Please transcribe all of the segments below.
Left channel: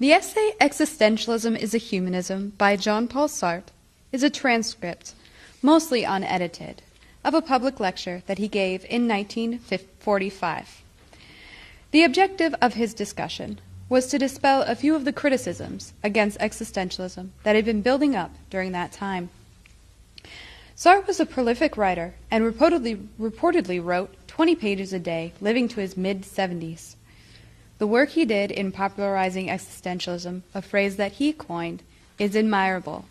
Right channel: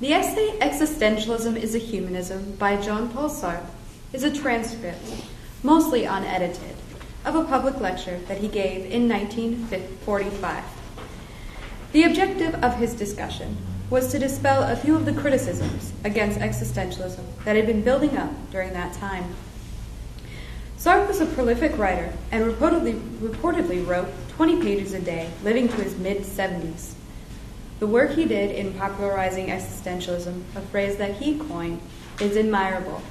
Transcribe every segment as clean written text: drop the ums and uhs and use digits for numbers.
The essay Existentialism is a Humanism by Jean-Paul Sartre is a transcript, mostly unedited, of a public lecture that he gave in 1945. The objective of his discussion was to dispel a few of the criticisms against existentialism that had been building up during that time. Sartre was a prolific writer and reportedly wrote 20 pages a day, living to his mid-70s. The work he did in popularizing existentialism, a phrase that he coined, is admirable.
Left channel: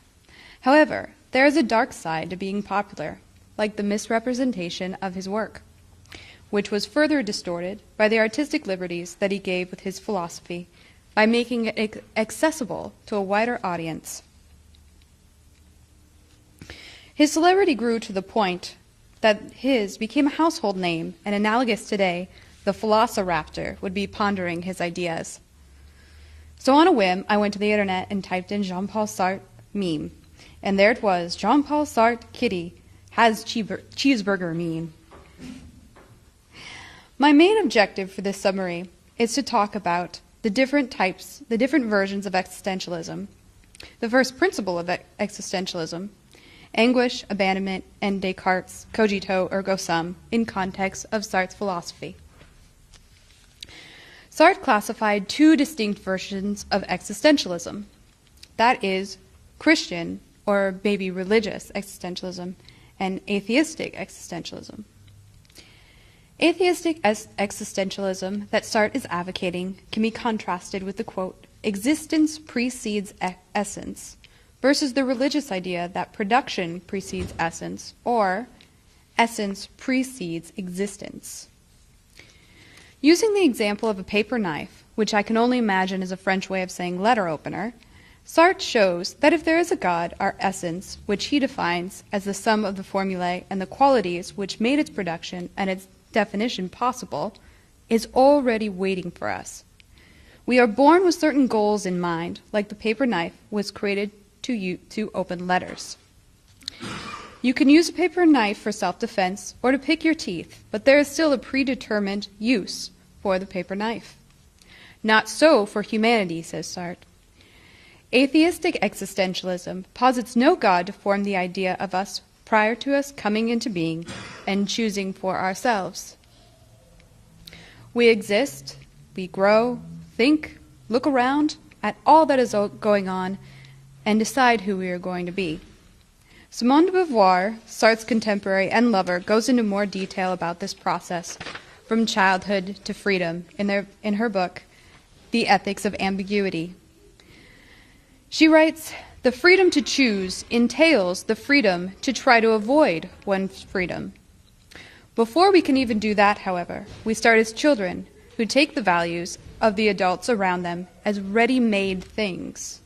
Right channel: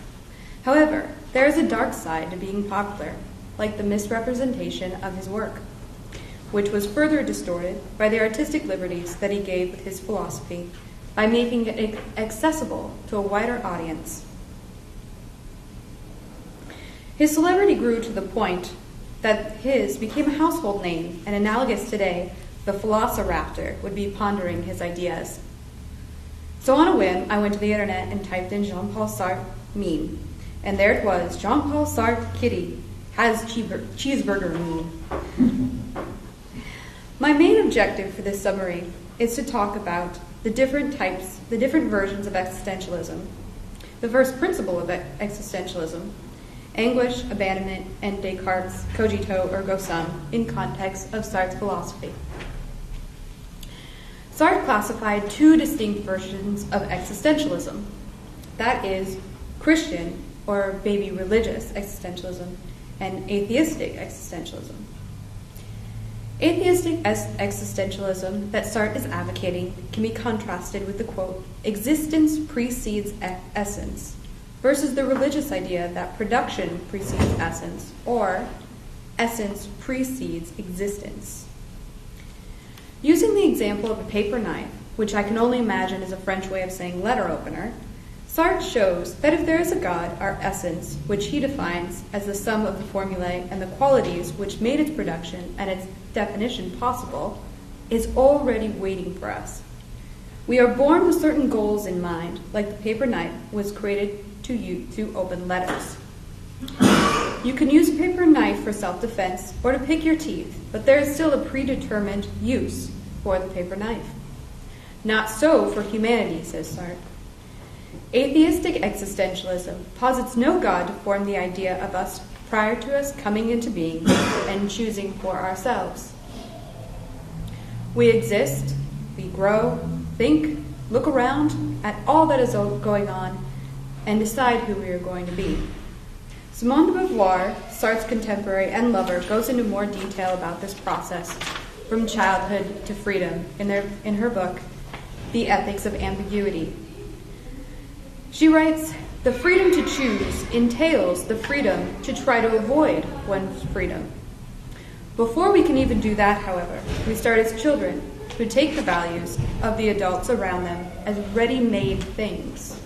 However, there is a dark side to being popular, like the misrepresentation of his work, which was further distorted by the artistic liberties that he gave with his philosophy by making it accessible to a wider audience. His celebrity grew to the point that his became a household name, and analogous today, the Velociraptor would be pondering his ideas. So on a whim, I went to the internet and typed in Jean-Paul Sartre meme, and there it was, Jean-Paul Sartre kitty has cheeseburger meme. My main objective for this summary is to talk about the different versions of existentialism. The first principle of existentialism, anguish, abandonment, and Descartes' cogito ergo sum in context of Sartre's philosophy. Sartre classified two distinct versions of existentialism. That is, Christian, or maybe religious existentialism, and atheistic existentialism. Atheistic existentialism that Sartre is advocating can be contrasted with the quote, existence precedes essence, versus the religious idea that production precedes essence, or essence precedes existence. Using the example of a paper knife, which I can only imagine is a French way of saying letter opener, Sartre shows that if there is a God, our essence, which he defines as the sum of the formulae and the qualities which made its production and its definition possible, is already waiting for us. We are born with certain goals in mind, like the paper knife was created to open letters. You can use a paper knife for self-defense or to pick your teeth, but there is still a predetermined use for the paper knife. Not so for humanity, says Sartre. Atheistic existentialism posits no God to form the idea of us prior to us coming into being and choosing for ourselves. We exist, we grow, think, look around at all that is going on, and decide who we are going to be. Simone de Beauvoir, Sartre's contemporary and lover, goes into more detail about this process from childhood to freedom in her book, The Ethics of Ambiguity. She writes, the freedom to choose entails the freedom to try to avoid one's freedom. Before we can even do that, however, we start as children who take the values of the adults around them as ready-made things.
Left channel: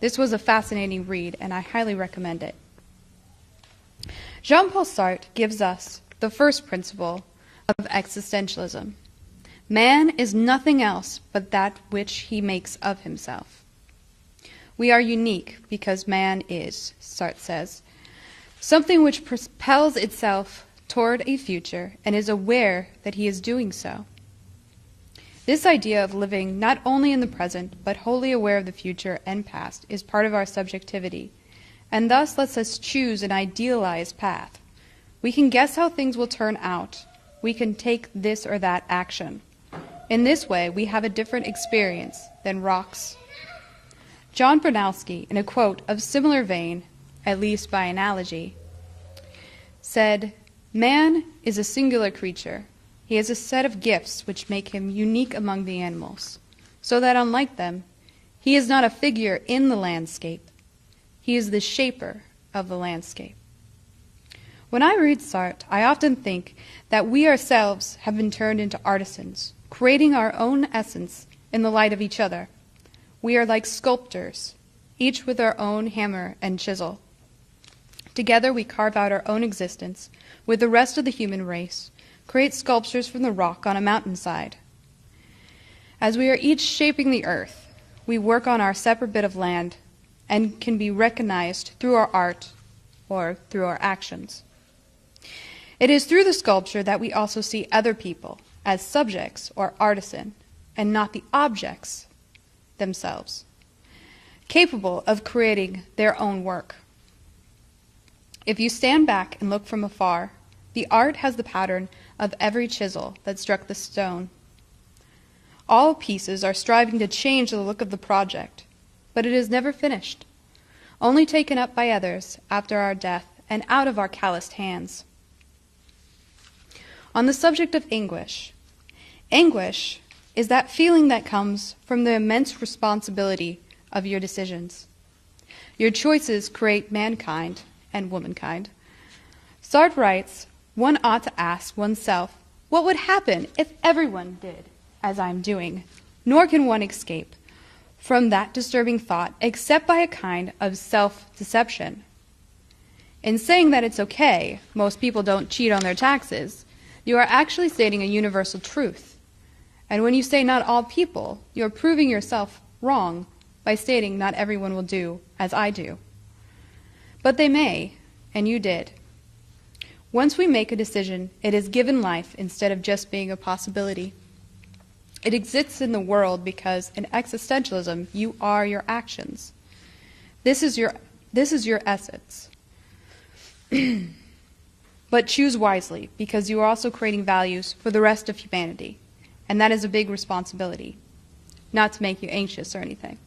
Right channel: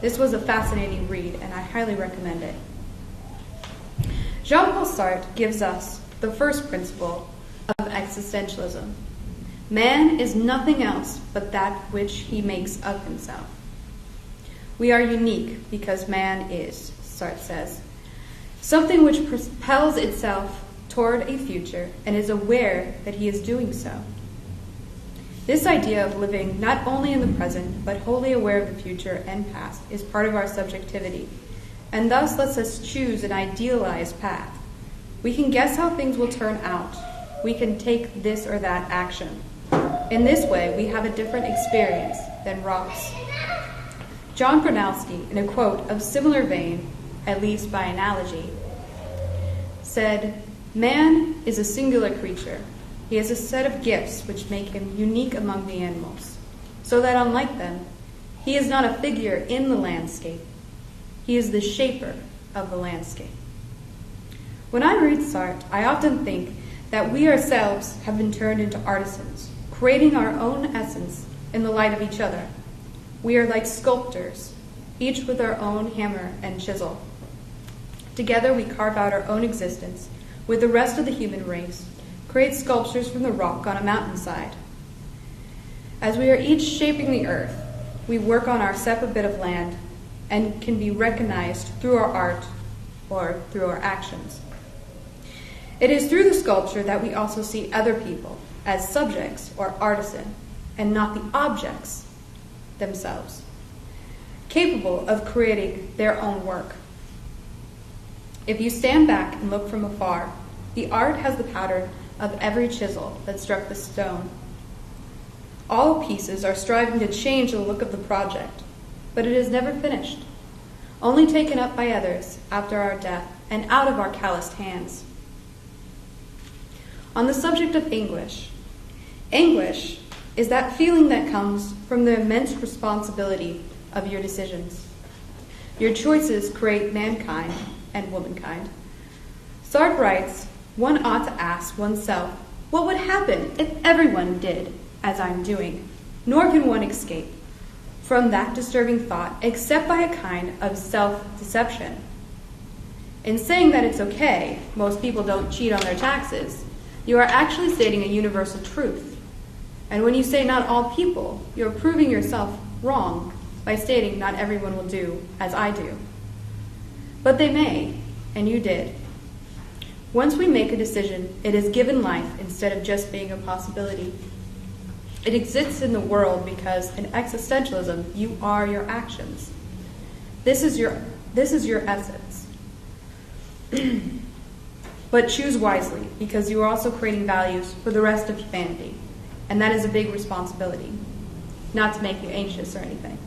This was a fascinating read, and I highly recommend it. Jean-Paul Sartre gives us the first principle of existentialism. Man is nothing else but that which he makes of himself. We are unique because man is, Sartre says, something which propels itself toward a future and is aware that he is doing so. This idea of living not only in the present, but wholly aware of the future and past is part of our subjectivity, and thus lets us choose an idealized path. We can guess how things will turn out. We can take this or that action. In this way, we have a different experience than rocks. John Bronowski, in a quote of similar vein, at least by analogy, said, "Man is a singular creature. He has a set of gifts which make him unique among the animals, so that unlike them, he is not a figure in the landscape. He is the shaper of the landscape." When I read Sartre, I often think that we ourselves have been turned into artisans, creating our own essence in the light of each other. We are like sculptors, each with our own hammer and chisel. Together we carve out our own existence with the rest of the human race, create sculptures from the rock on a mountainside. As we are each shaping the earth, we work on our separate bit of land and can be recognized through our art or through our actions. It is through the sculpture that we also see other people as subjects or artisan, and not the objects themselves, capable of creating their own work. If you stand back and look from afar, the art has the pattern of every chisel that struck the stone. All pieces are striving to change the look of the project, but it is never finished, only taken up by others after our death and out of our calloused hands. On the subject of anguish is that feeling that comes from the immense responsibility of your decisions. Your choices create mankind and womankind. Sartre writes, one ought to ask oneself, what would happen if everyone did as I'm doing? Nor can one escape from that disturbing thought except by a kind of self-deception. In saying that it's okay, most people don't cheat on their taxes, you are actually stating a universal truth. And when you say not all people, you're proving yourself wrong by stating not everyone will do as I do. But they may, and you did. Once we make a decision, it is given life instead of just being a possibility. It exists in the world because in existentialism, you are your actions. This is your essence. But choose wisely, because you are also creating values for the rest of humanity. And that is a big responsibility. Not to make you anxious or anything.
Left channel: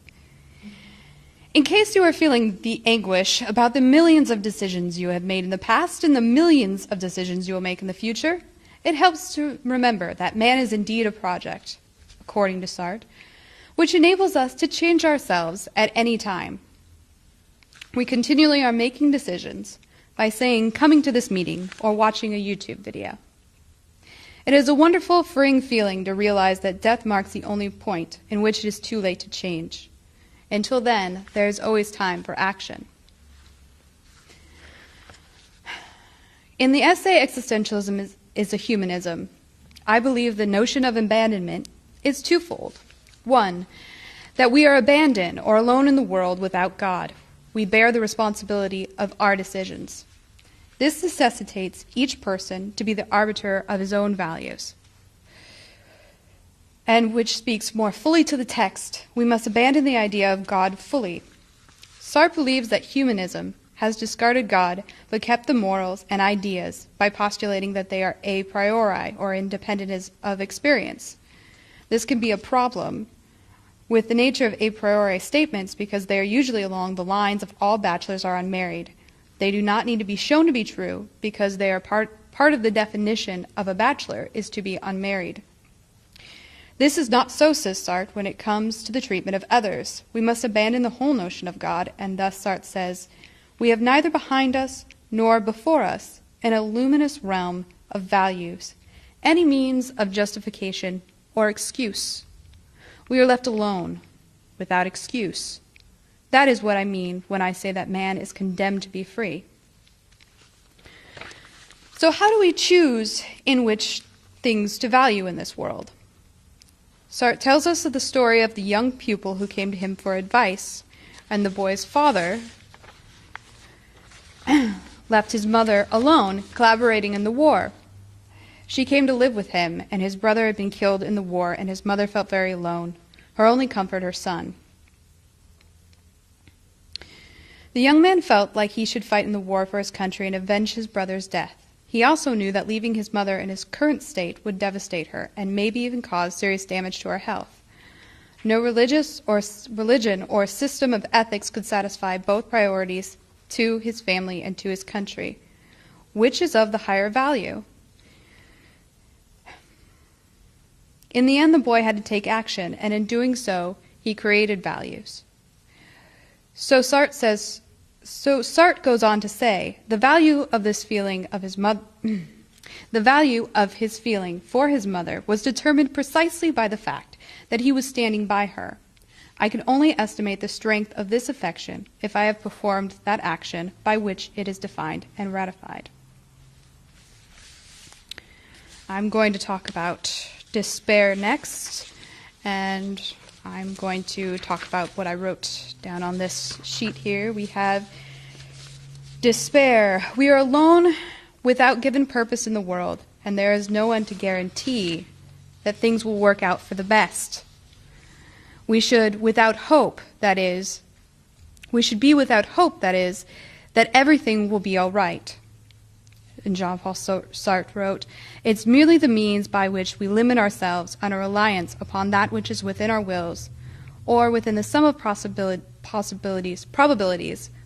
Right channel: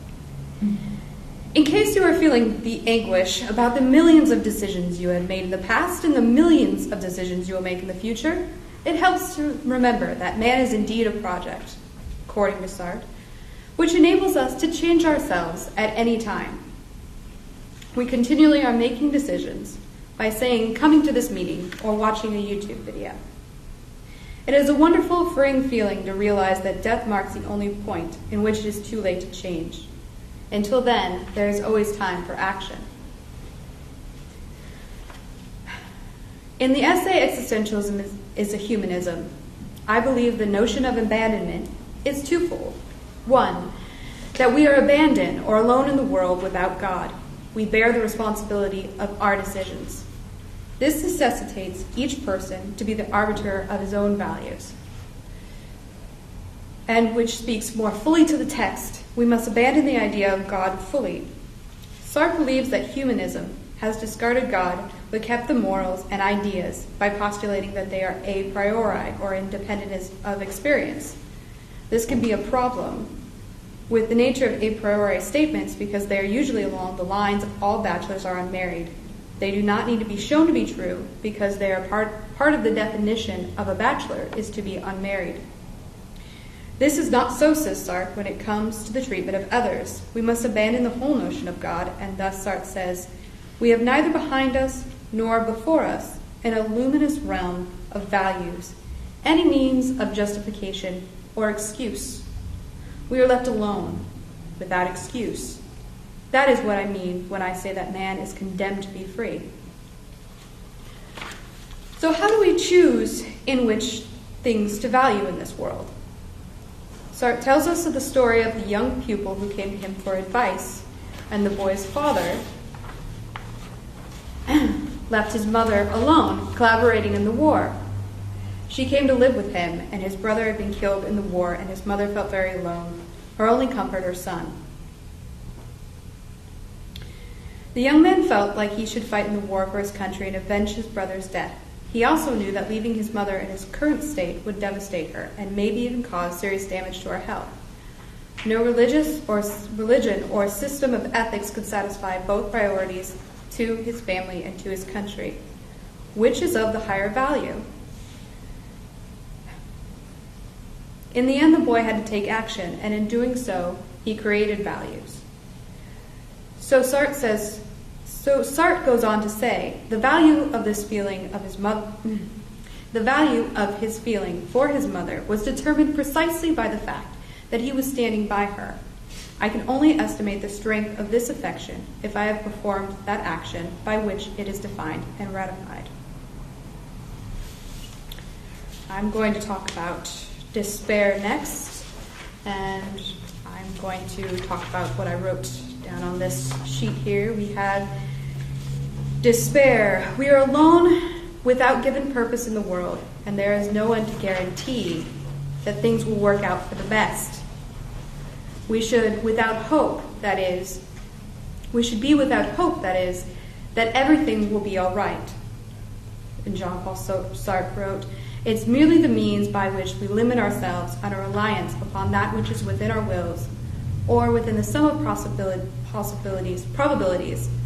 In case you are feeling the anguish about the millions of decisions you have made in the past and the millions of decisions you will make in the future, it helps to remember that man is indeed a project, according to Sartre, which enables us to change ourselves at any time. We continually are making decisions by saying, coming to this meeting or watching a YouTube video. It is a wonderful, freeing feeling to realize that death marks the only point in which it is too late to change. Until then, there is always time for action. In the essay Existentialism is a Humanism, I believe the notion of abandonment is twofold. One, that we are abandoned or alone in the world without God. We bear the responsibility of our decisions. This necessitates each person to be the arbiter of his own values. And which speaks more fully to the text, we must abandon the idea of God fully. Sartre believes that humanism has discarded God but kept the morals and ideas by postulating that they are a priori or independent of experience. This can be a problem with the nature of a priori statements because they are usually along the lines of all bachelors are unmarried. They do not need to be shown to be true because they are part of the definition of a bachelor is to be unmarried. This is not so, says Sartre, when it comes to the treatment of others. We must abandon the whole notion of God, and thus Sartre says, we have neither behind us nor before us in a luminous realm of values any means of justification or excuse. We are left alone, without excuse. That is what I mean when I say that man is condemned to be free. So how do we choose in which things to value in this world? Sartre tells us of the story of the young pupil who came to him for advice, and the boy's father left his mother alone, collaborating in the war. She came to live with him, and his brother had been killed in the war, and his mother felt very alone. Her only comfort, her son. The young man felt like he should fight in the war for his country and avenge his brother's death. He also knew that leaving his mother in his current state would devastate her and maybe even cause serious damage to her health. No religion or system of ethics could satisfy both priorities to his family and to his country. Which is of the higher value? In the end, the boy had to take action, and in doing so, he created values. So Sartre goes on to say, the value of his feeling for his mother was determined precisely by the fact that he was standing by her. I can only estimate the strength of this affection if I have performed that action by which it is defined and ratified. I'm going to talk about despair next, and I'm going to talk about what I wrote down on this sheet here. We have despair. We are alone without given purpose in the world, and there is no one to guarantee that things will work out for the best. We should be without hope, that is, that everything will be all right. And Jean-Paul Sartre wrote, "It's merely the means by which we limit ourselves on a reliance upon that which is within our wills, or within the sum of probabilities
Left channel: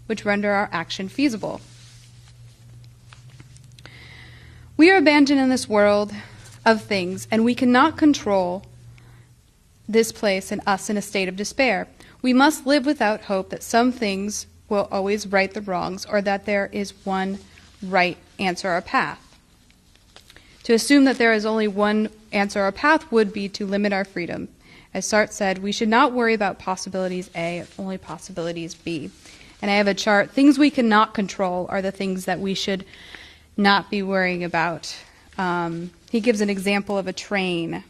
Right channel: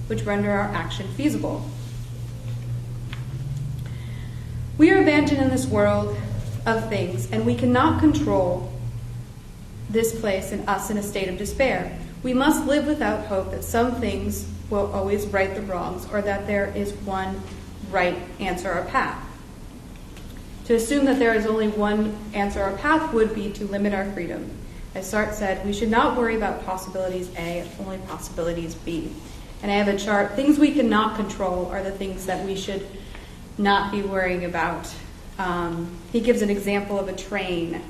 which render our action feasible." We are abandoned in this world of things, and we cannot control this place in us in a state of despair. We must live without hope that some things will always right the wrongs, or that there is one right answer or path. To assume that there is only one answer or path would be to limit our freedom. As Sartre said, we should not worry about possibilities A, only possibilities B. And I have a chart. Things we cannot control are the things that we should not be worrying about. He gives an example of a train.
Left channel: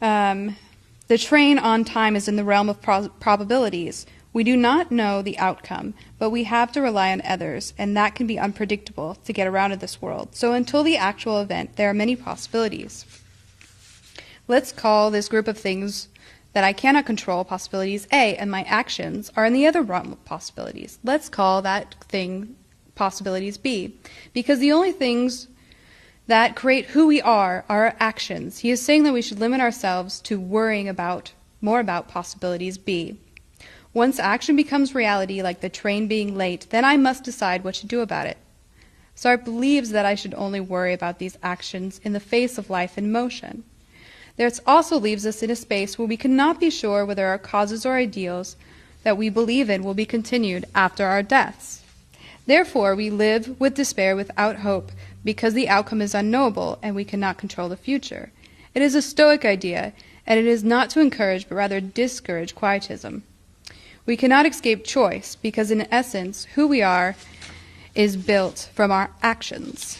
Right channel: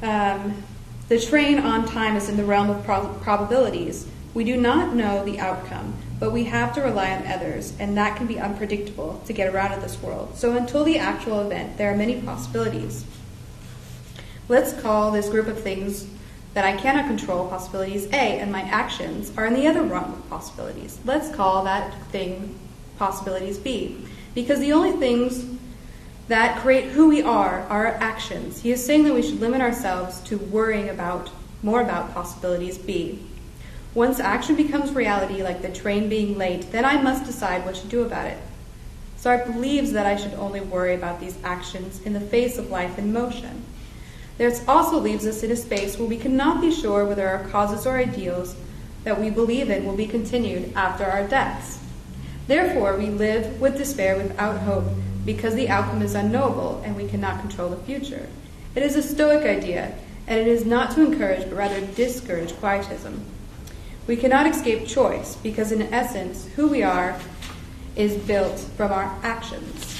The train on time is in the realm of probabilities. We do not know the outcome, but we have to rely on others, and that can be unpredictable to get around in this world. So until the actual event, there are many possibilities. Let's call this group of things that I cannot control possibilities A, and my actions are in the other realm of possibilities. Let's call that thing possibilities B, because the only things that create who we are our actions. He is saying that we should limit ourselves to worrying more about possibilities B. Once action becomes reality, like the train being late, then I must decide what to do about it. Sartre believes that I should only worry about these actions in the face of life in motion. This also leaves us in a space where we cannot be sure whether our causes or ideals that we believe in will be continued after our deaths. Therefore, we live with despair without hope, because the outcome is unknowable and we cannot control the future. It is a Stoic idea, and it is not to encourage but rather discourage quietism. We cannot escape choice, because in essence, who we are is built from our actions.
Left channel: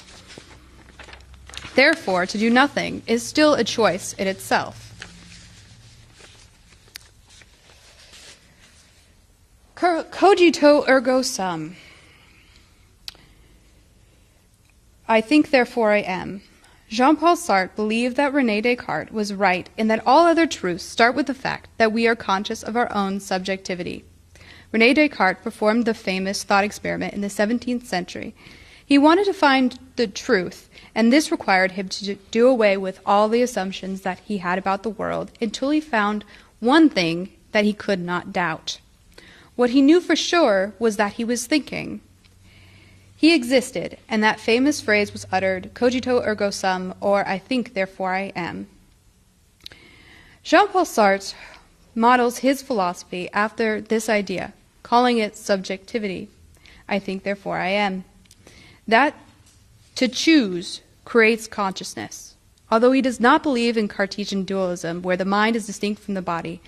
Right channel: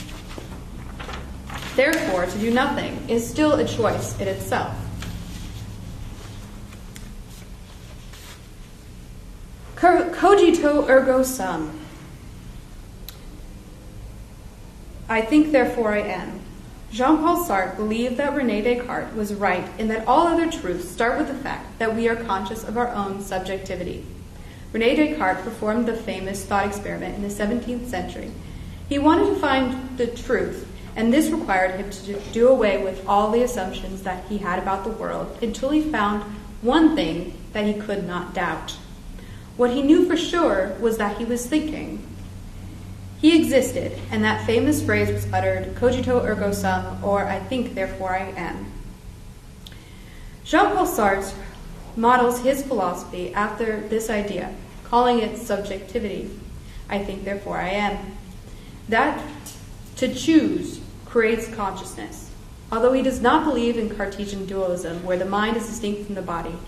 Therefore, to do nothing is still a choice in itself. Cogito ergo sum. I think, therefore I am. Jean-Paul Sartre believed that René Descartes was right in that all other truths start with the fact that we are conscious of our own subjectivity. René Descartes performed the famous thought experiment in the 17th century. He wanted to find the truth, and this required him to do away with all the assumptions that he had about the world until he found one thing that he could not doubt. What he knew for sure was that he was thinking. He existed, and that famous phrase was uttered, cogito ergo sum, or I think, therefore I am. Jean-Paul Sartre models his philosophy after this idea, calling it subjectivity. I think, therefore I am. That to choose creates consciousness, although he does not believe in Cartesian dualism, where the mind is distinct from the body,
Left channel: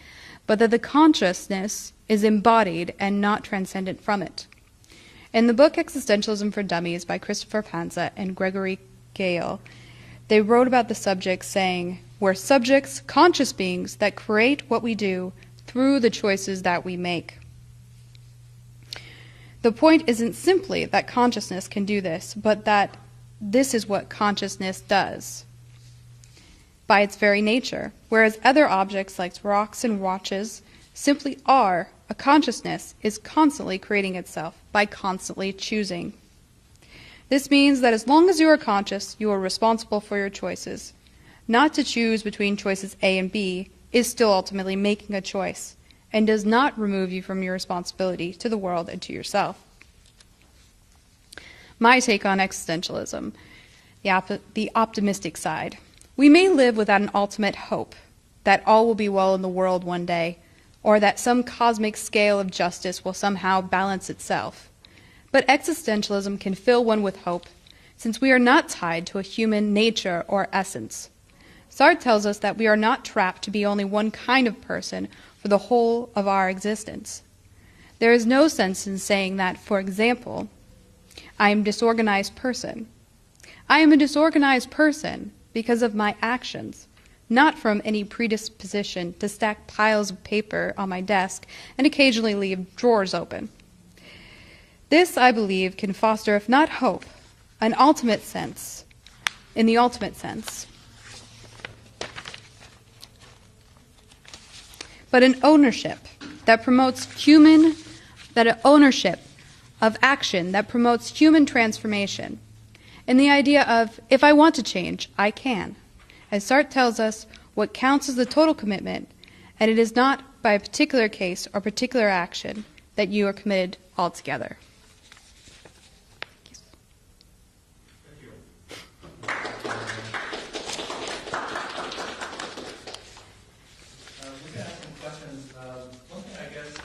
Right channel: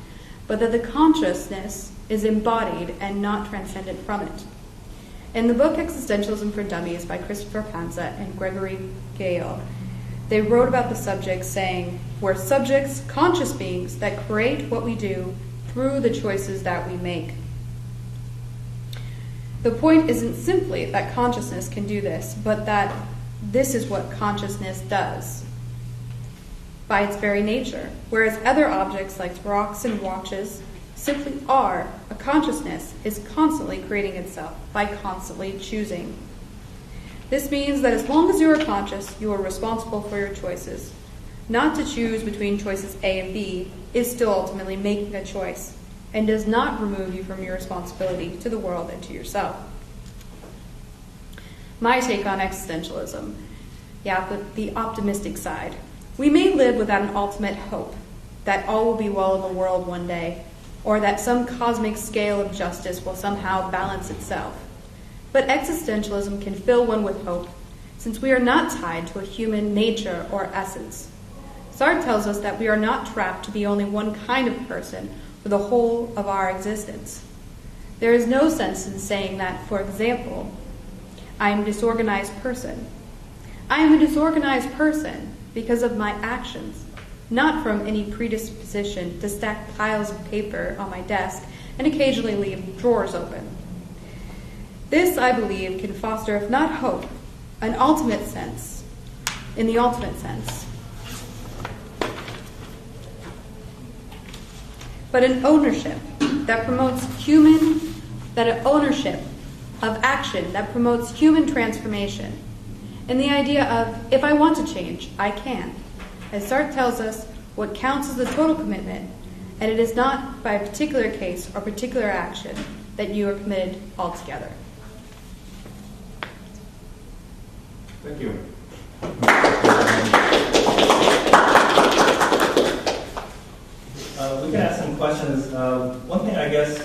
but that the consciousness is embodied and not transcendent from it. In the book Existentialism for Dummies by Christopher Panza and Gregory Gale, they wrote about the subjects saying, we're subjects, conscious beings that create what we do through the choices that we make. The point isn't simply that consciousness can do this, but that this is what consciousness does by its very nature, whereas other objects like rocks and watches simply are. A consciousness is constantly creating itself by constantly choosing. This means that as long as you are conscious, you are responsible for your choices. Not to choose between choices A and B is still ultimately making a choice and does not remove you from your responsibility to the world and to yourself. My take on existentialism, the optimistic side. We may live without an ultimate hope that all will be well in the world one day, or that some cosmic scale of justice will somehow balance itself. But existentialism can fill one with hope, since we are not tied to a human nature or essence. Sartre tells us that we are not trapped to be only one kind of person for the whole of our existence. There is no sense in saying that, for example, I am a disorganized person. I am a disorganized person because of my actions, not from any predisposition to stack piles of paper on my desk and occasionally leave drawers open. This, I believe, can foster, if not hope, an ultimate sense, in the ultimate sense. but an ownership that promotes an ownership of action that promotes human transformation. And the idea of, if I want to change, I can. As Sartre tells us, what counts is the total commitment, and it is not by a particular case or particular action that you are committed altogether. Thank you. We can ask some questions. One thing I guess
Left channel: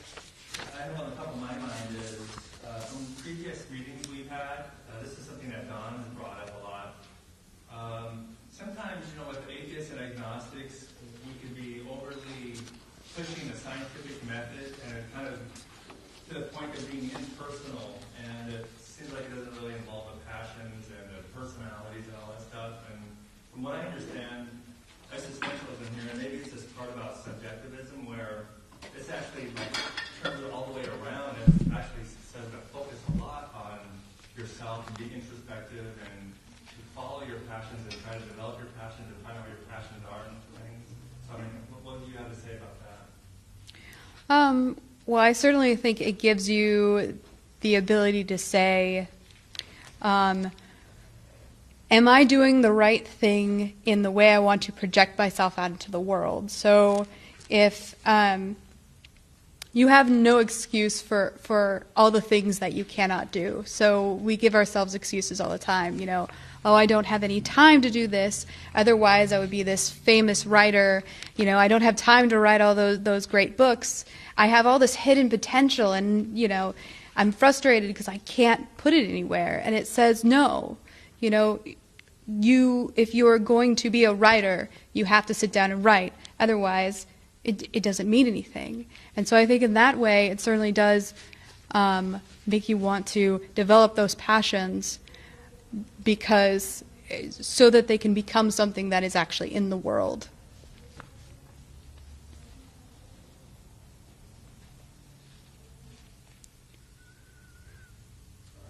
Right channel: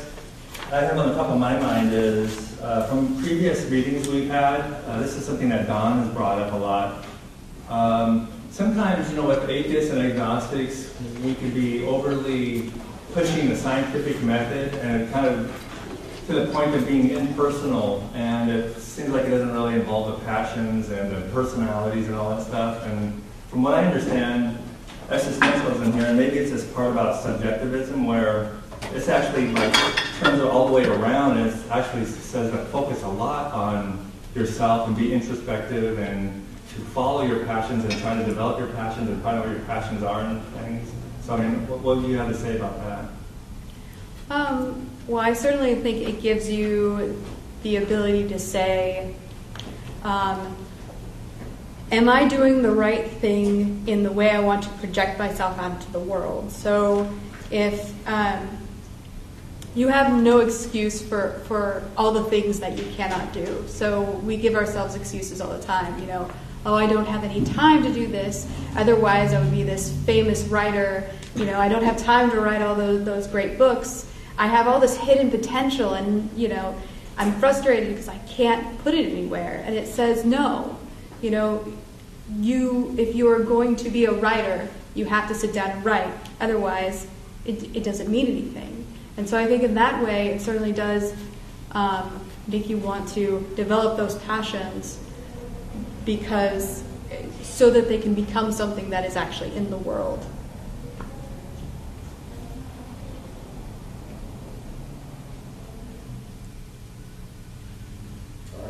I have on the top of my mind is from previous readings we've had, this is something that Don has brought up a lot. Sometimes, with atheists and agnostics, we could be overly pushing the scientific method and kind of to the point of being impersonal, and it seems like it doesn't really involve the passions and the personalities and all that stuff. And from what I understand, existentialism here, and maybe it's this part about subjectivism where it's actually like turns it all the way around, and it actually says to focus a lot on yourself and be introspective and to follow your passions and try to develop your passions and find out what your passions are and things. So, I mean, what do you have to say about that? Well, I certainly think it gives you the ability to say, am I doing the right thing in the way I want to project myself out into the world? So if you have no excuse for all the things that you cannot do. So we give ourselves excuses all the time, oh, I don't have any time to do this, otherwise I would be this famous writer, I don't have time to write all those great books. I have all this hidden potential, and I'm frustrated because I can't put it anywhere. And it says no. If you are going to be a writer, you have to sit down and write. Otherwise, it doesn't mean anything. And so I think in that way, it certainly does make you want to develop those passions so that they can become something that is actually in the world.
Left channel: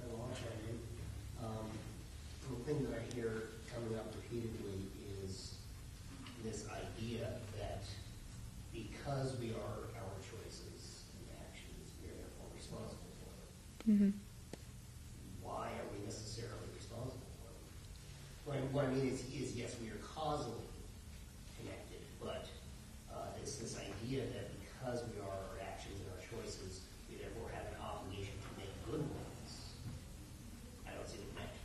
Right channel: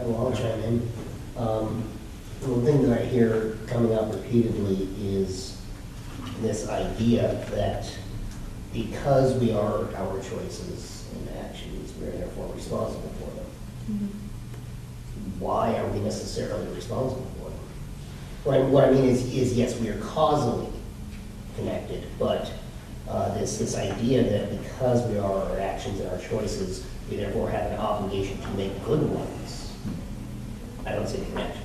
Well, I'll chime in. One thing that I hear coming up repeatedly is this idea that because we are our choices and actions, we're therefore responsible for them. Mm-hmm. Why are we necessarily responsible for them? What I mean is yes, we are causally connected, but this idea that because we are our actions and our choices, we therefore have an obligation to make good ones. I don't see the connection.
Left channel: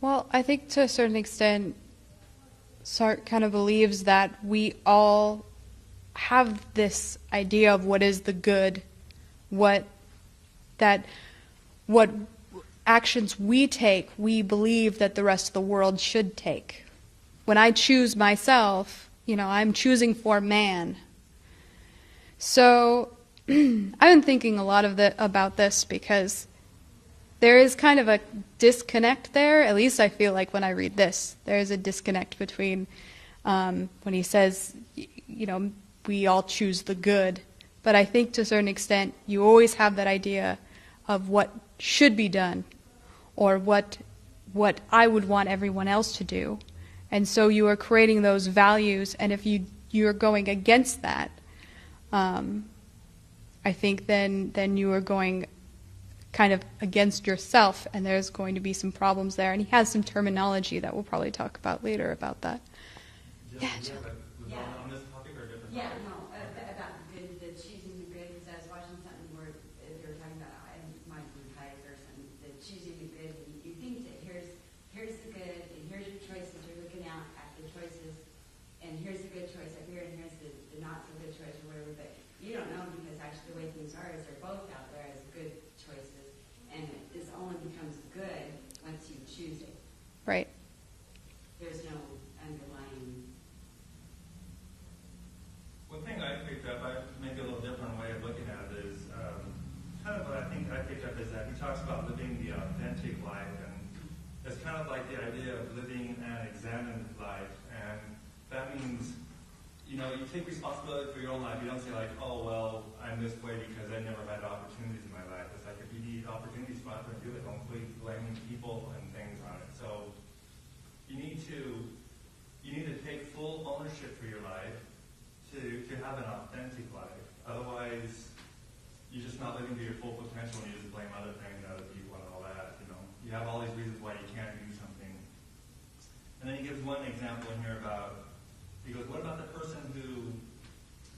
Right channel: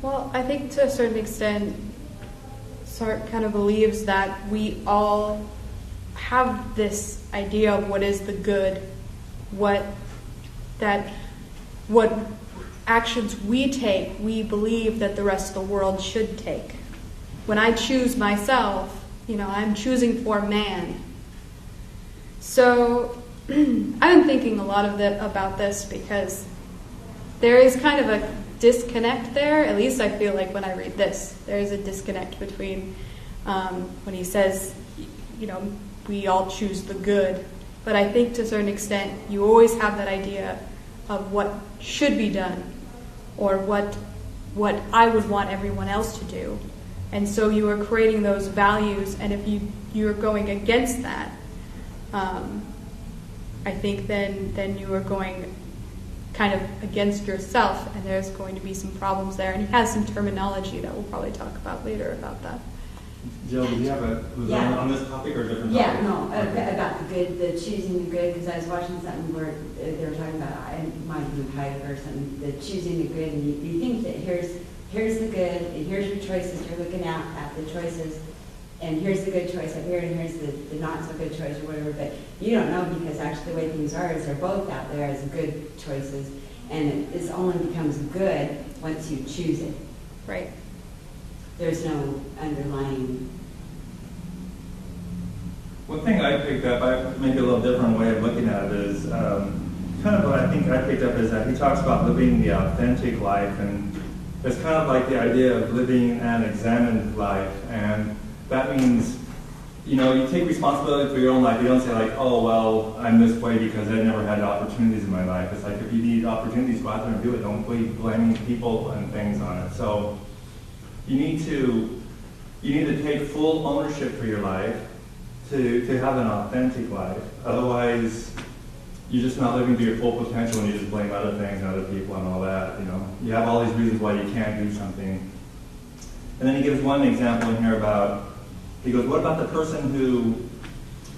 Well, I think to a certain extent, Sartre kind of believes that we all have this idea of what is the good, what actions we take, we believe that the rest of the world should take. When I choose myself, I'm choosing for man. So I've been thinking a lot about this because there is kind of a disconnect there. At least I feel like when I read this, there is a disconnect between when he says, we all choose the good. But I think to a certain extent, you always have that idea of what should be done or what I would want everyone else to do. And so you are creating those values, and if you're going against that, I think then you are going kind of against yourself, and there's going to be some problems there. And he has some terminology that we'll probably talk about later about that. Jill, do you have on this topic or a different topic? Yeah, no, about the good, the choosing the good, because I was watching something where they were talking about, it might have been Heidegger or something, the choosing the good, and you think that here's the good, and here's your choices, you're looking at the choices, and here's the good choice up here, and here's the not so good choice or whatever, but you don't know, because actually the way things are is they're both out there as good choices, and it only becomes good once you choose it. Right. There's no underlying. One thing I picked up, maybe a little different way of looking at it is, kind of what I think I picked up is that he talks about living the authentic life, and it's kind of like the idea of living an examined life, and that means, you take responsibility for your own life. You don't say like, oh, well, I'm this way because I never had opportunities in my life. It's like, if you need opportunities, go out there and do it. Don't be blaming people and things on it. So you need to take full ownership for your life, to have an authentic life. Otherwise, you're just not living to your full potential, and you just blame other things and other people and all that. You know, you have all these reasons why you can't do something. And then he gives one example in here about, he goes, what about the person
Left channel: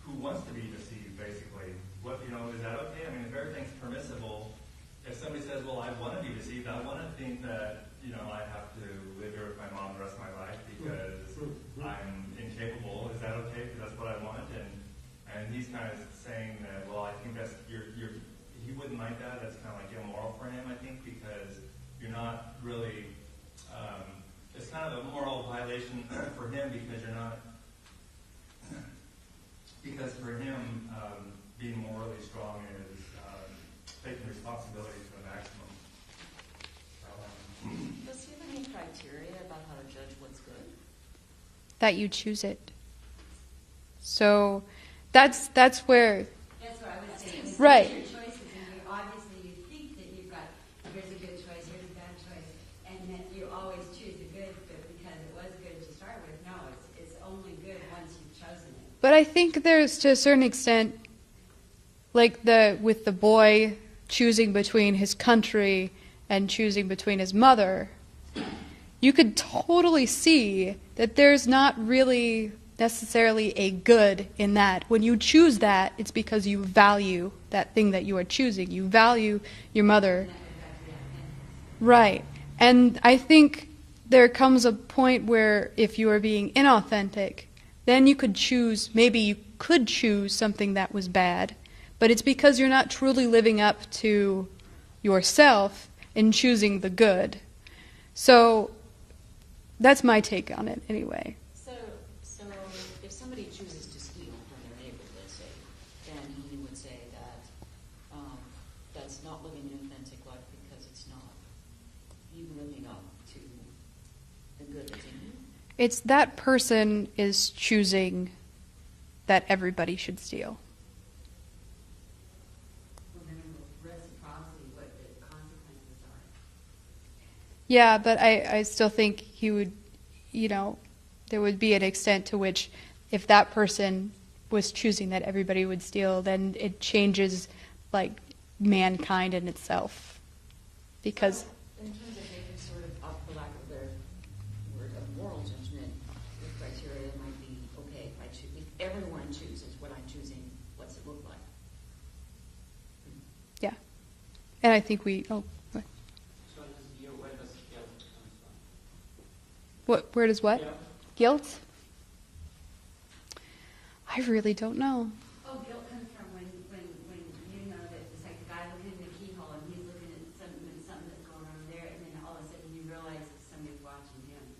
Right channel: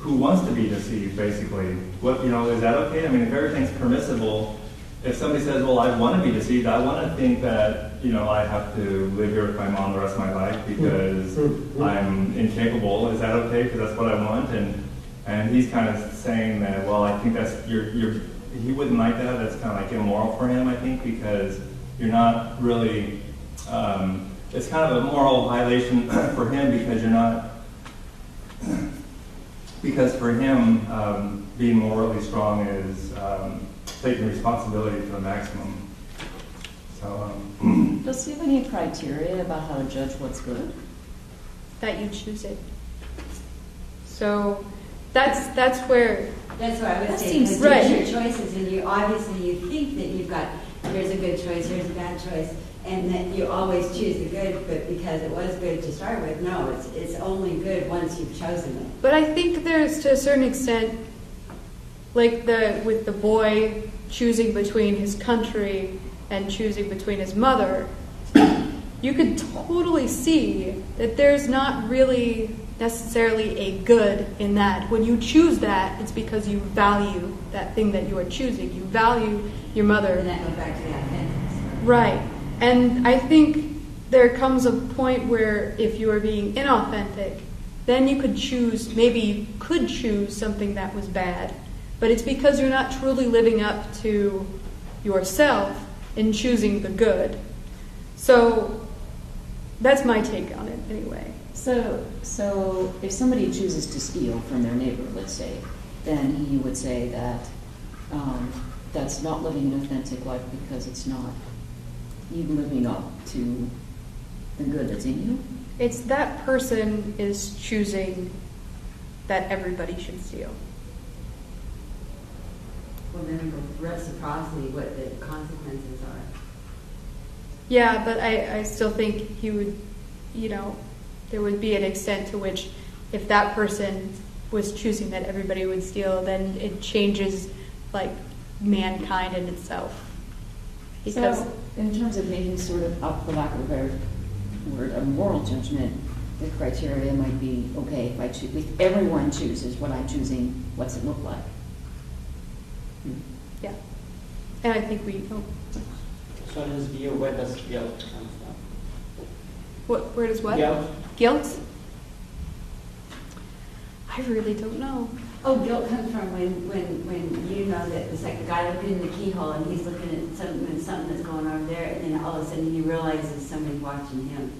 who wants to be deceived, basically? What, you know, is that okay? I mean, if everything's permissible, if somebody says, well, I want to be deceived, I want to think that, you know, I have to live here with my mom the rest of my life because I'm incapable. Is that okay? Because that's what I want. And he's kind of saying that, well, I think that's, he wouldn't like that. That's kind of like immoral for him, I think, because you're not really, it's kind of a moral violation for him because you're not, because for him, being morally strong is taking responsibility to the maximum. So, Does he have any criteria about how to judge what's good? That you choose it. So that's where. That's what I was That saying. seems right. Your choices, and you obviously you think that you've got here's a good choice, here's a bad choice, and that you always choose the good, but because it was good to start with, no, it's only good once you've chosen it. But I think there's, to a certain extent, like with the boy choosing between his country and choosing between his mother, you could totally see that there's not really necessarily a good in that. When you choose that, it's because you value that thing that you are choosing. You value your mother. And that goes back to the authenticity. Right. And I think there comes a point where if you are being inauthentic, then you could choose, maybe you could choose something that was bad, but it's because you're not truly living up to yourself in choosing the good. So that's my take on it anyway. So if somebody chooses to steal from their neighbor, let's say, then he would say that that's not living an authentic life because it's not you living up to the good that's in you. It's that person is choosing that everybody should steal. Well, then reciprocity, what the consequences are. Yeah, but I still think he would, there would be an extent to which if that person was choosing that everybody would steal, then it changes, like, mankind in itself. Because So, in terms of making sort of, up for lack of a better word, a moral judgment, the criteria might be, okay, if everyone chooses what I'm choosing, what's it look like? yeah. And I think So in his view, where does guilt come from? where does what? Guilt. Guilt? I really don't know. Oh, guilt comes from when you know that it's like the guy looking in the keyhole and he's looking at something that's going on over there, and then all of a sudden he realizes somebody's watching him.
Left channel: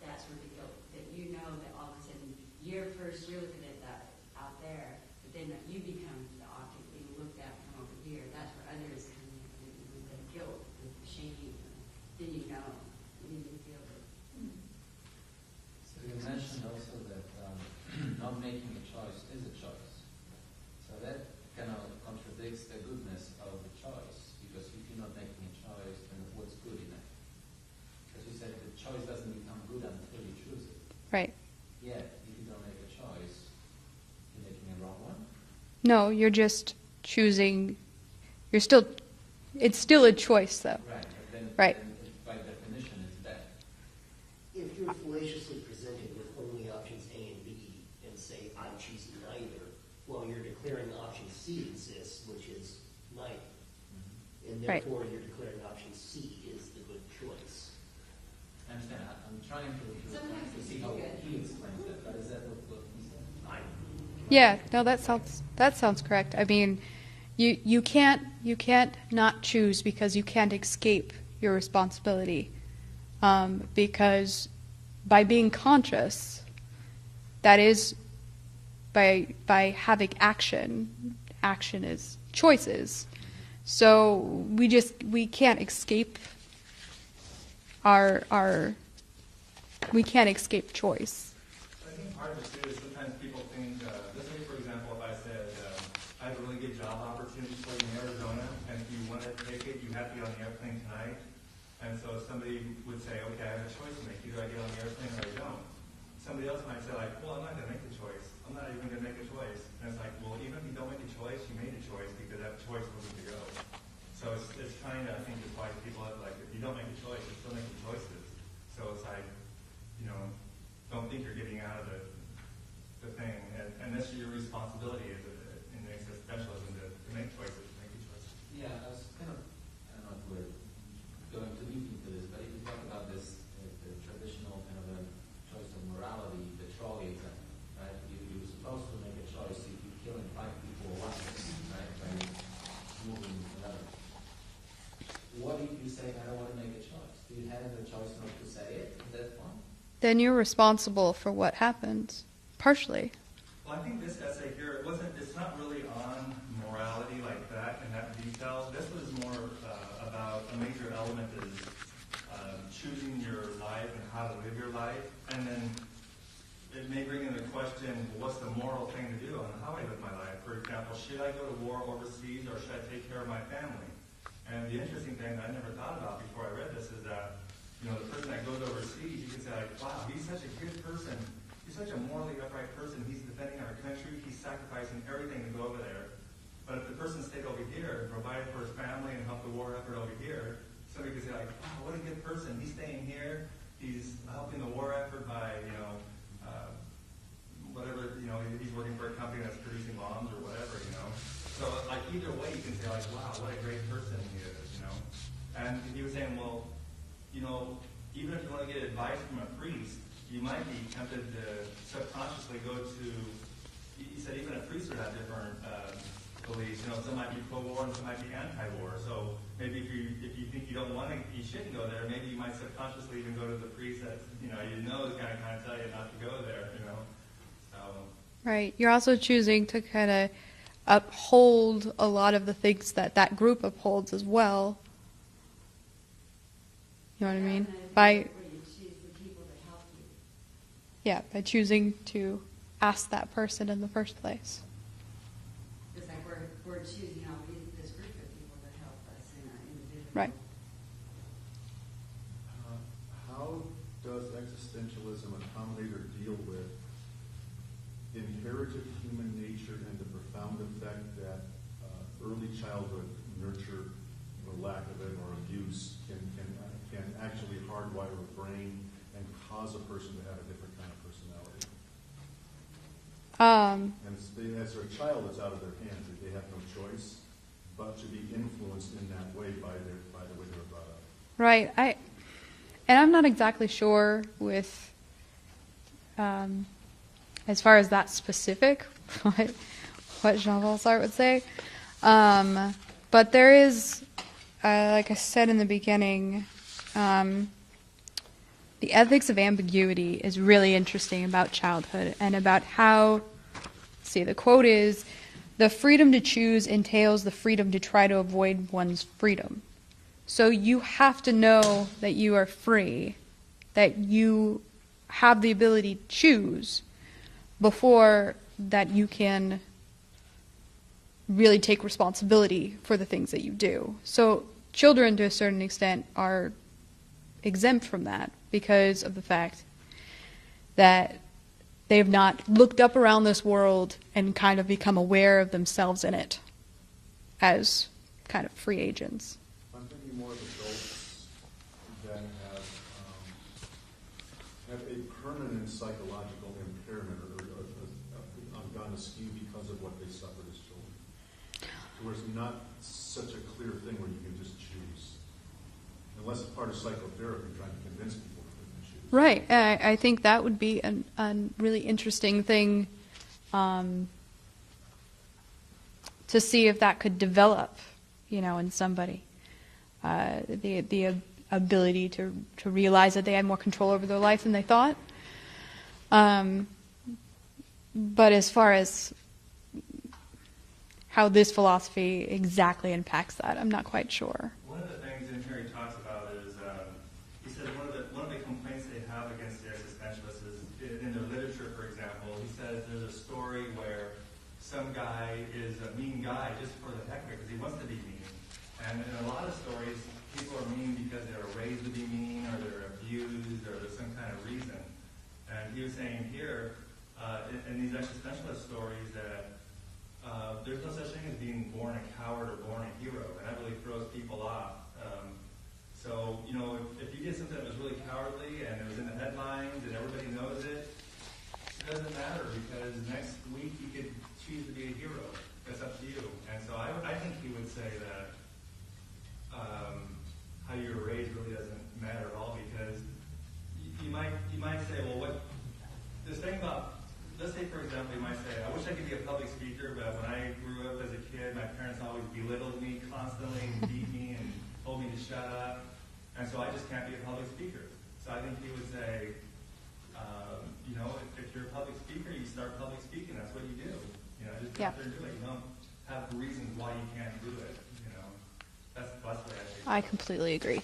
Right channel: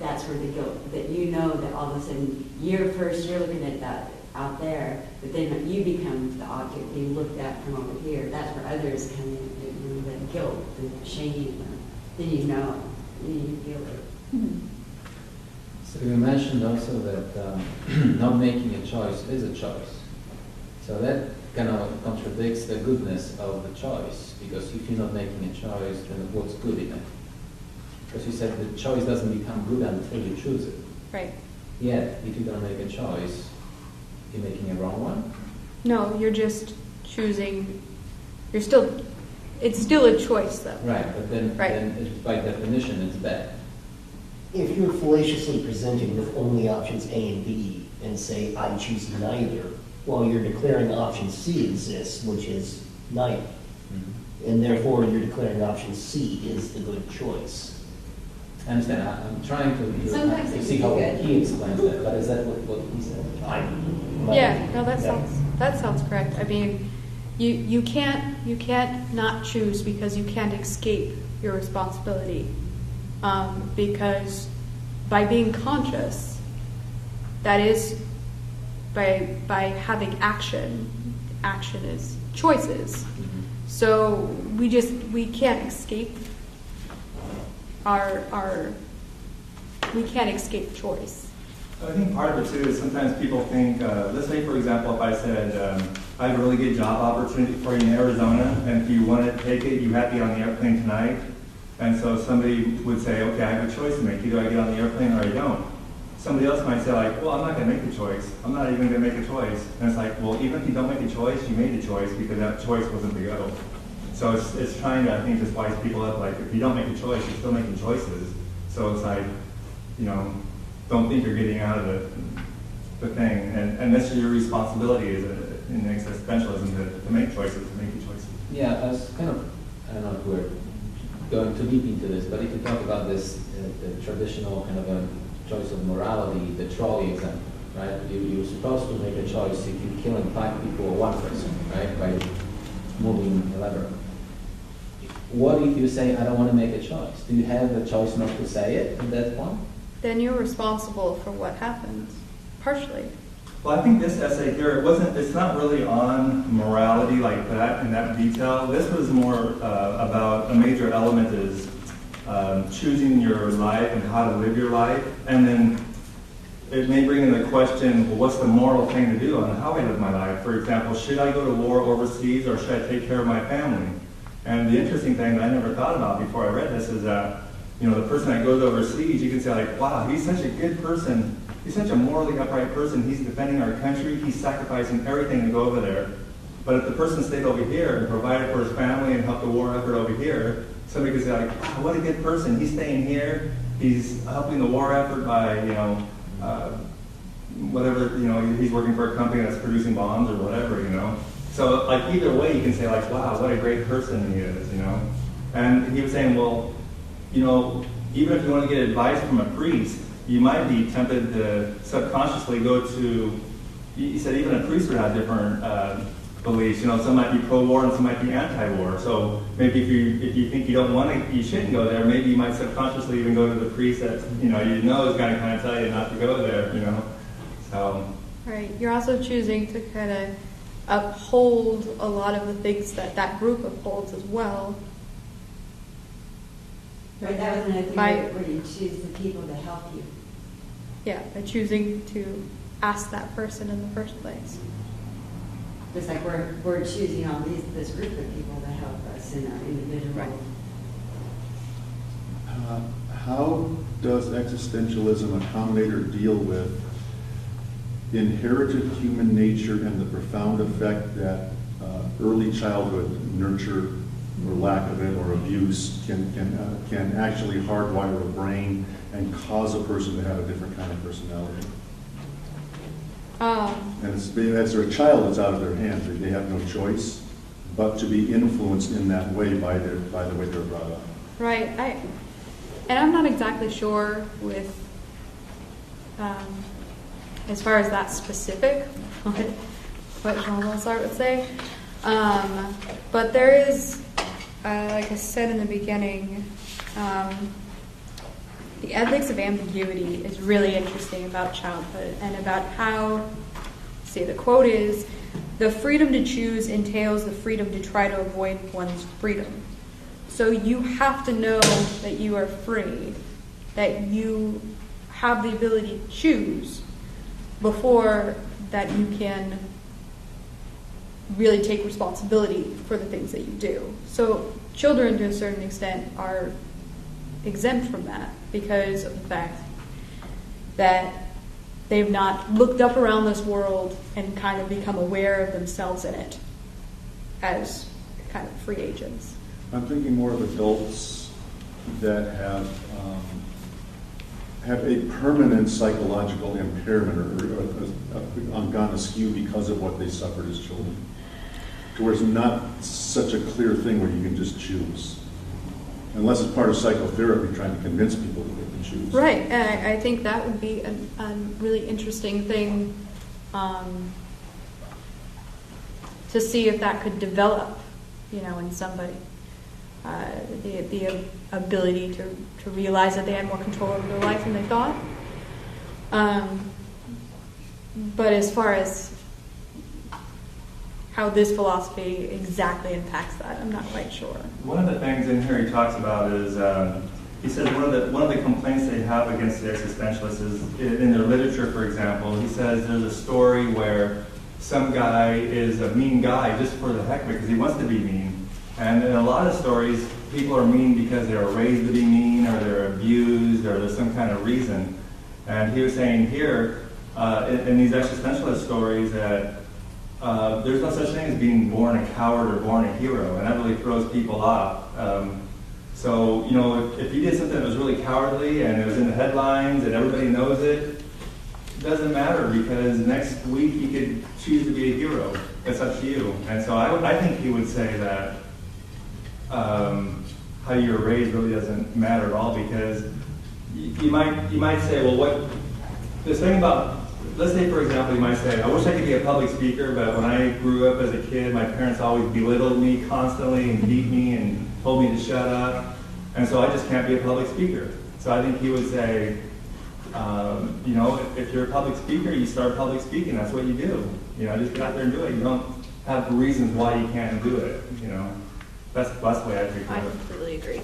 That's where the guilt, that you know that all of a sudden you're looking at that out there, but then you become the object being looked at from over here. That's where others come in, the guilt, the shame, then you know, you feel it. Hmm. So you mentioned also that not making a choice is a choice. So that kind of contradicts the goodness of the choice, because if you're not making a choice, then what's good in it? Because you said the choice doesn't become good until you choose it. Right. Yet, if you're going to make a choice, you're making a wrong one? No, you're just choosing, it's still a choice though. Right, but then by definition, it's bad. If you're fallaciously presented with only options A and B and say, I choose neither, while you're declaring option C exists, which is neither. Mm-hmm. And therefore, you're declaring option C is the good choice. I understand. I'm trying Sometimes to it see can how be good. he explains that, but is that what he said? Yeah, no, that sounds correct. I mean, you can't not choose because you can't escape your responsibility. Because by being conscious, that is by having action is choices. Mm-hmm. So we can't escape we can't escape choice. I think part of it too is sometimes people think, let's say for example, if I said, I have a really good job opportunity for you in Arizona, and if you want to take it, you have to be on the airplane tonight. And so somebody would say, okay, I have a choice to make. Either I get on the airplane or I don't. somebody else might say like, well, I'm not going to make the choice. I'm not even going to make a choice. And it's like, well, even if you don't make a choice, you made a choice because that choice wasn't the go. So it's trying to, I think, just wise people up, like, if you don't make a choice, you're still making choices. So it's like, don't think you're getting out of the thing. And this is your responsibility as in existentialism to make choices, to make the choices. Yeah, as kind of, I don't know if we're going too deep into this, but if you talk about this, the traditional kind of a choice of morality, the trolley example, right? You're supposed to make a choice if you're killing 5 people or 1 person, right? By moving a lever. What if you say, I don't want to make a choice? Do you have a choice not to say it at that point? Then you're responsible for what happens, partially. Well, I think this essay here, it's not really on morality like that in that detail. This was more about a major element is choosing your life and how to live your life. And then it may bring in the question, well, what's the moral thing to do on how I live my life? For example, should I go to war overseas or should I take care of my family? And the interesting thing that I never thought about before I read this is that, the person that goes overseas, you can say like, wow, he's such a good person. He's such a morally upright person. He's defending our country. He's sacrificing everything to go over there. But if the person stayed over here and provided for his family and helped the war effort over here, somebody could say like, wow, what a good person. He's staying here. He's helping the war effort by, whatever, he's working for a company that's producing bombs or whatever, So like either way, you can say like, wow, what a great person he is, And he was saying, well, even if you want to get advice from a priest, you might be tempted to subconsciously go to, he said even a priest would have different beliefs. Some might be pro-war and some might be anti-war. So maybe if you think you don't want to, you shouldn't go there, maybe you might subconsciously even go to the priest that, is going to kind of tell you not to go there, So. Right. You're also choosing to kind of uphold a lot of the things that group upholds as well. Right, that was another thing where you choose the people to help you. Yeah, by choosing to ask that person in the first place. Just like we're choosing all this group of people to help us in our individual. Right. How does existentialism accommodate or deal with inherited human nature and the profound effect that early childhood nurture or lack of it or abuse can actually hardwire a brain and cause a person to have a different kind of personality? And as a child, it's out of their hands. They have no choice but to be influenced in that way by the way they're brought up. Right. And I'm not exactly sure with, as far as that specific, what Jean-Paul Sartre would say. But there is, like I said in the beginning, the ethics of ambiguity is really interesting about childhood and about how, the quote is, the freedom to choose entails the freedom to try to avoid one's freedom. So you have to know that you are free, that you have the ability to choose before that you can really take responsibility for the things that you do. So children, to a certain extent, are exempt from that because of the fact that they've not looked up around this world and kind of become aware of themselves in it as kind of free agents. I'm thinking more of adults that have a permanent psychological impairment or gone askew because of what they suffered as children. To where it's not such a clear thing where you can just choose. Unless it's part of psychotherapy, trying to convince people that they can choose. Right, and I think that would be a really interesting thing to see if that could develop, in somebody. The ability to realize that they had more control over their life than they thought. But as far as how this philosophy exactly impacts that, I'm not quite sure. One of the things in here he talks about is, he says one of the complaints they have against the existentialists is, in their literature, for example, he says there's a story where some guy is a mean guy just for the heck because he wants to be mean. And in a lot of stories, people are mean because they were raised to be mean or they're abused or there's some kind of reason. And he was saying here, in these existentialist stories, that there's no such thing as being born a coward or born a hero, and that really throws people off. So, you know, if you did something that was really cowardly and it was in the headlines and everybody knows it, it doesn't matter, because next week you could choose to be a hero. It's up to you. And so I think he would say that how you were raised really doesn't matter at all, because you might say, well, what this thing about, let's say, for example, you might say, I wish I could be a public speaker, but when I grew up as a kid, my parents always belittled me constantly and beat me and told me to shut up, and so I just can't be a public speaker. So I think he would say, you know, if you're a public speaker, you start public speaking. That's what you do. You know, just get out there and do it. You don't have reasons why you can't do it. You know, that's the way I think I of it. completely agree.